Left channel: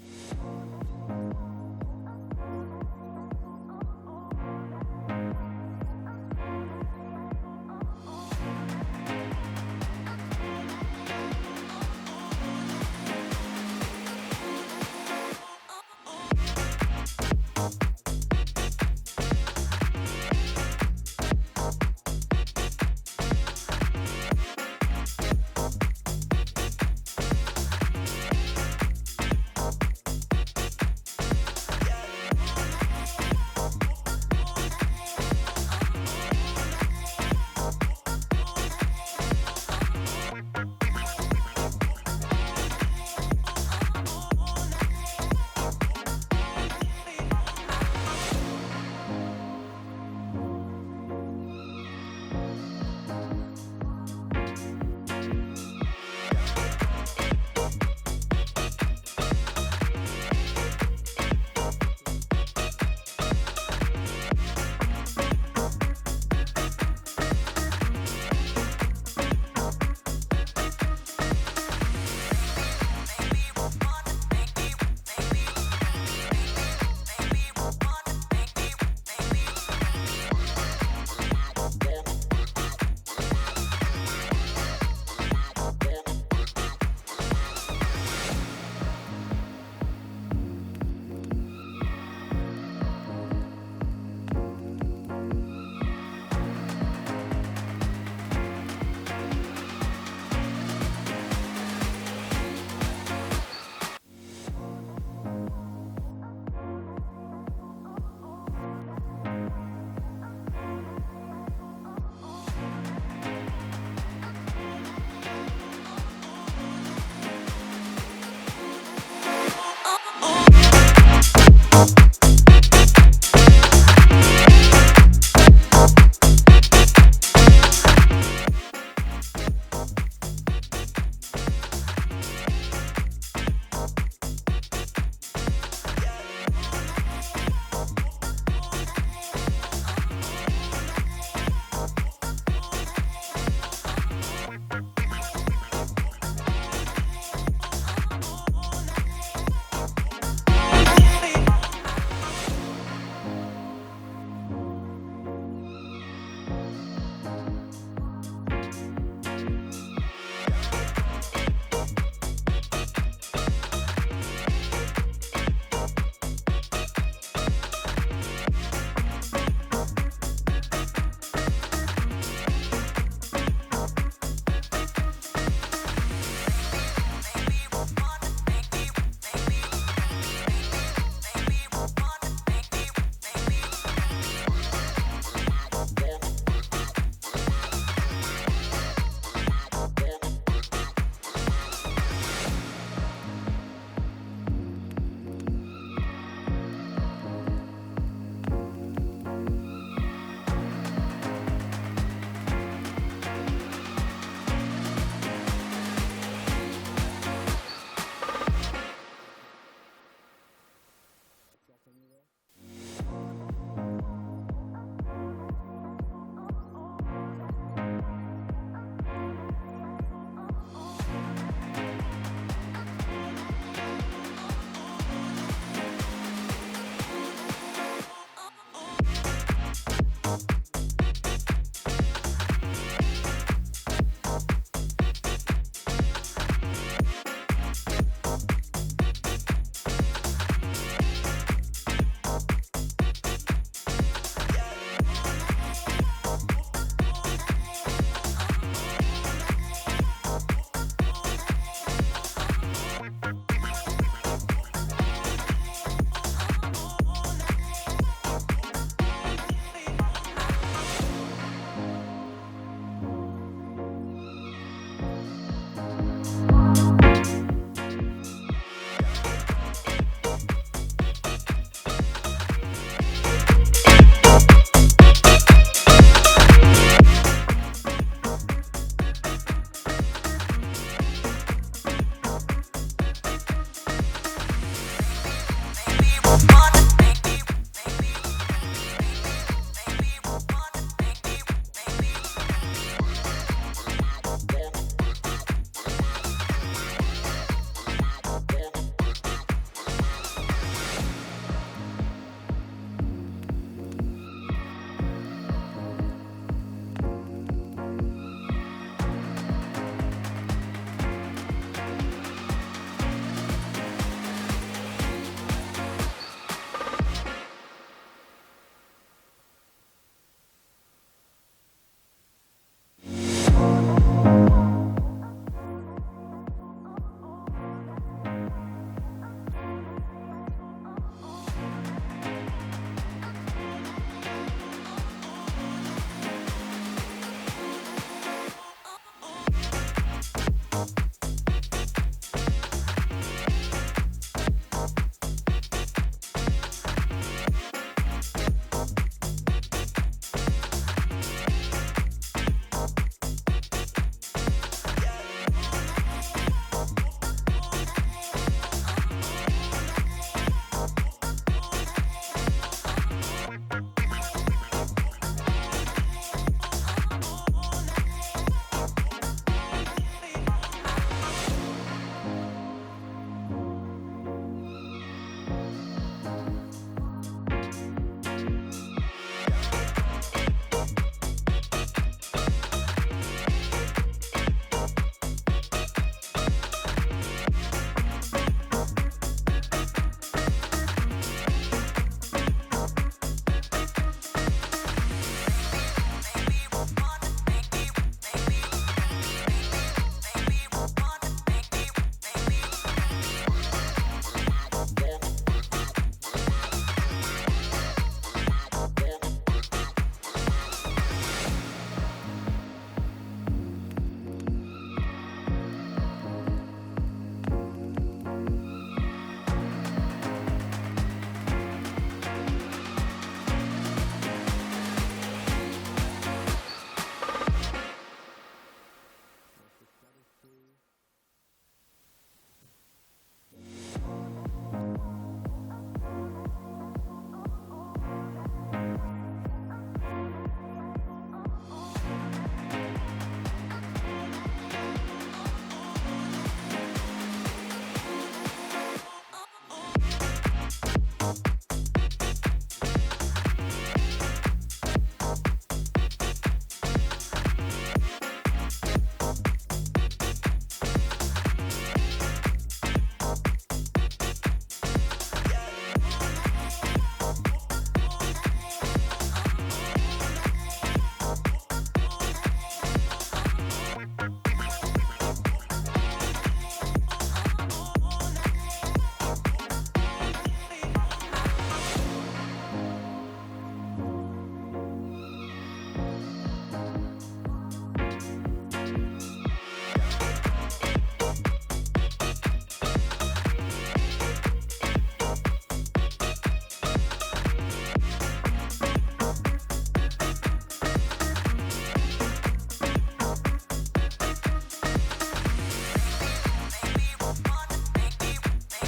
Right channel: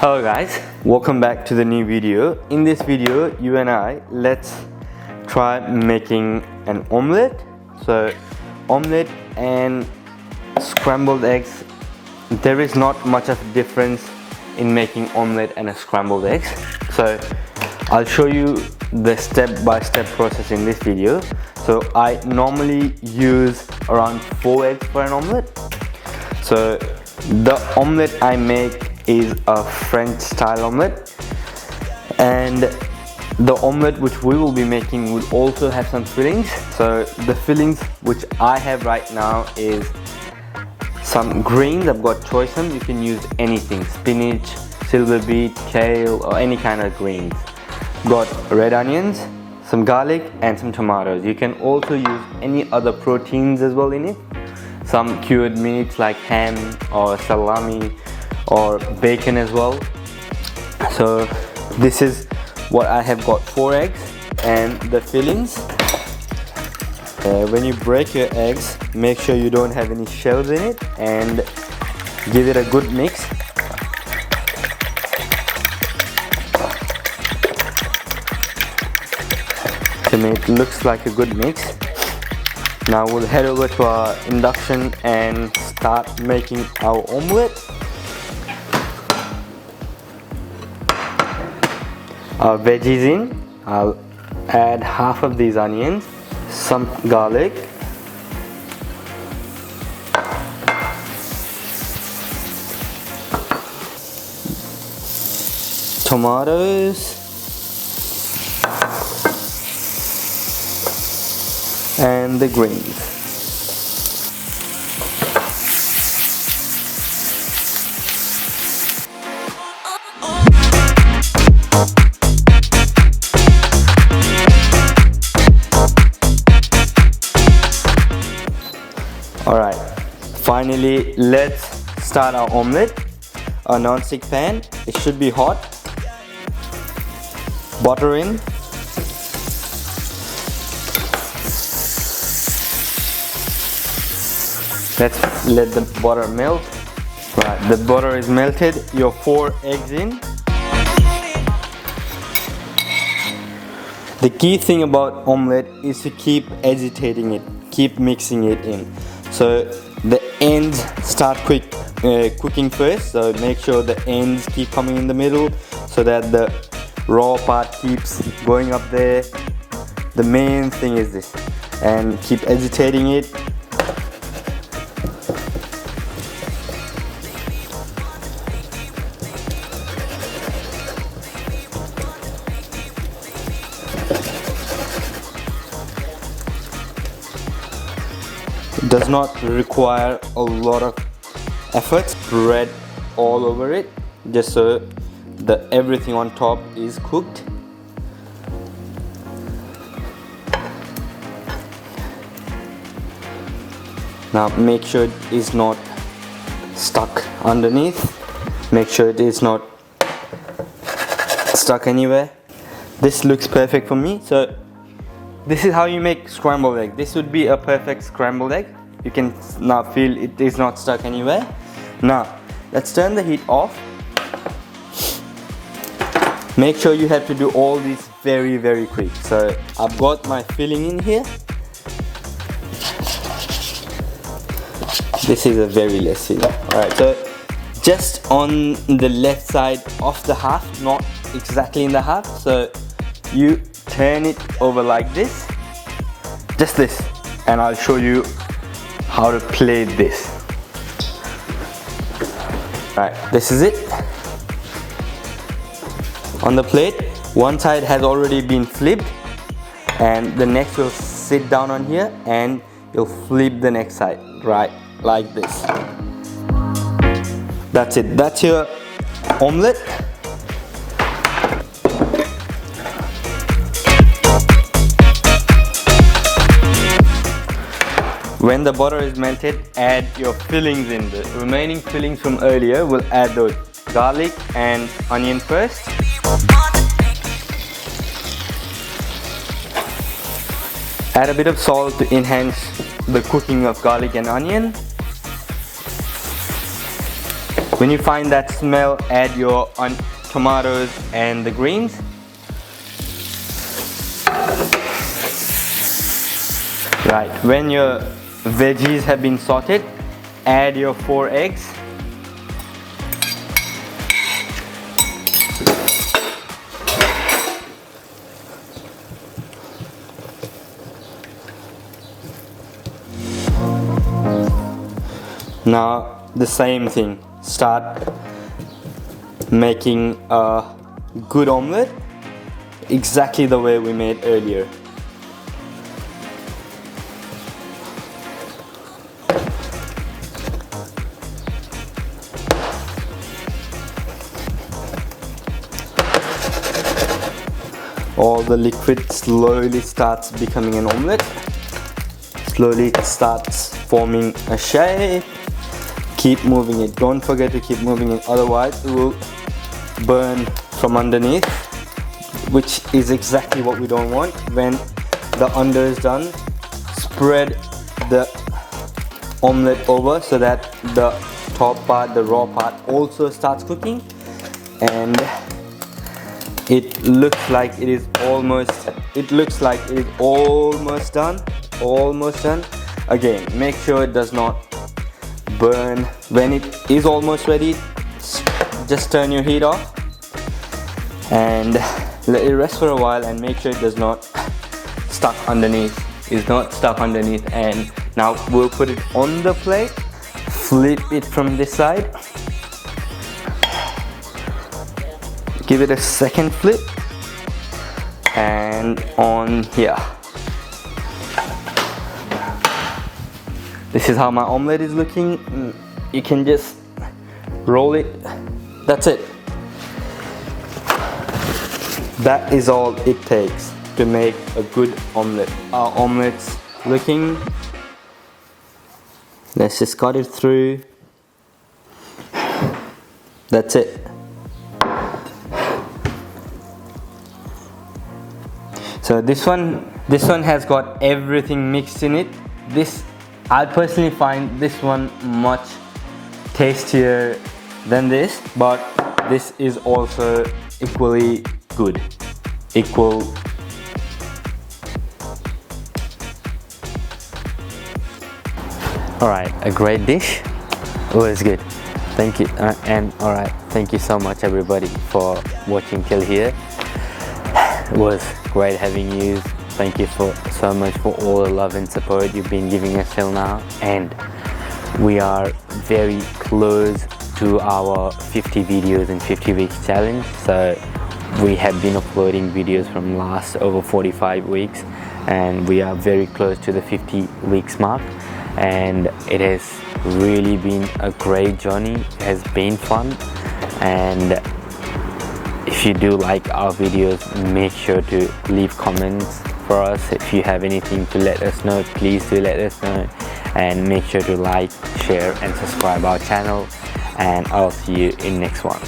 Hello guys, welcome back to the new video. In this video, you and I, let's try making an omelette. So, omelette and scrambled eggs, there is not much of a difference in making omelette and a scrambled eggs. So, I'll show you the step-by-step process in this video. So, I normally use around 4 eggs for an omelette. So, the omelette I make is a French style omelette, and the omelette which we will be making will also have some fillings. So the fillings which I have right now is some greens. I've got choice ones. You can use anything: spinach, silver beet, kale, or any kind of greens. Got red onions, some garlic, and some tomatoes. You can also use any other proteins as well in it. Some cured meats like ham or salami or bacon as well. So this is what I have got: 4 eggs and the fillings. When you break your eggs, make sure you don't have any shells in it and give it a good mix. To make it looks like a good mix. Now we'll head over to our induction and start making our omelette. Our veggies in, I'll add half of these onions, some garlic, tomatoes, and the greens. Alright, finally let's start our omelette. A non-stick pan, it should be hot. Butter in. Let's let the butter melt. Right, the butter is melted. Your 4 eggs in. The key thing about omelette is to keep agitating it, keep mixing it in. So the ends start cooking first. So make sure the ends keep coming in the middle, so that the raw part keeps going up there. The main thing is this, and keep agitating it. Does not require a lot of effort. Spread all over it, just so that everything on top is cooked. Now make sure it is not stuck underneath. Make sure it is not stuck anywhere. This looks perfect for me. So this is how you make scrambled egg. This would be a perfect scrambled egg. You can now feel it is not stuck anywhere. Now, let's turn the heat off. Make sure you have to do all this very, very quick. So, I've got my filling in here. This is a very less filling. Alright, so just on the left side of the half, not exactly in the half. So, you turn it over like this, just this, and I'll show you how to plate this. Right, this is it. On the plate, one side has already been flipped, and the next will sit down on here, and you'll flip the next side, right, like this. That's it, that's your omelette. When the butter is melted, add your fillings in. The remaining fillings from earlier, we'll add those garlic and onion first. Add a bit of salt to enhance the cooking of garlic and onion. When you find that smell, add your tomatoes and the greens. Right, when your veggies have been sauteed, add your 4 eggs. Now the same thing, start making a good omelette exactly the way we made earlier. All the liquid slowly starts becoming an omelette. Slowly it starts forming a shape. Keep moving it, don't forget to keep moving it, otherwise it will burn from underneath, which is exactly what we don't want. When the under is done, spread the omelette over so that the top part, the raw part, also starts cooking, and it looks like it is almost done. Again, make sure it does not burn. When it is almost ready, just turn your heat off and let it rest for a while, and make sure it does not stuck underneath. It's not stuck underneath. And now we'll put it on the plate, flip it from this side, give it a second flip, and on here. This is how my omelette is looking. You can just roll it. That's it. That is all it takes to make a good omelette. Our omelette's looking. Let's just cut it through. That's it. So this one has got everything mixed in it. I personally find this one much tastier than this, but this is also equally good. Alright, a great dish. It was good. Thank you. Thank you so much everybody for watching till here. It was great having you. Thank you so much for all the love and support you've been giving us till now, and we are very close to our 50 videos and 50 weeks challenge. So we have been uploading videos from last over 45 weeks, and we are very close to the 50 weeks mark, and it has really been a great journey. It has been fun, and if you do like our videos, make sure to leave comments for us. If you have anything to let us know, please do let us know, and make sure to like, share and subscribe our channel, and I'll see you in next one.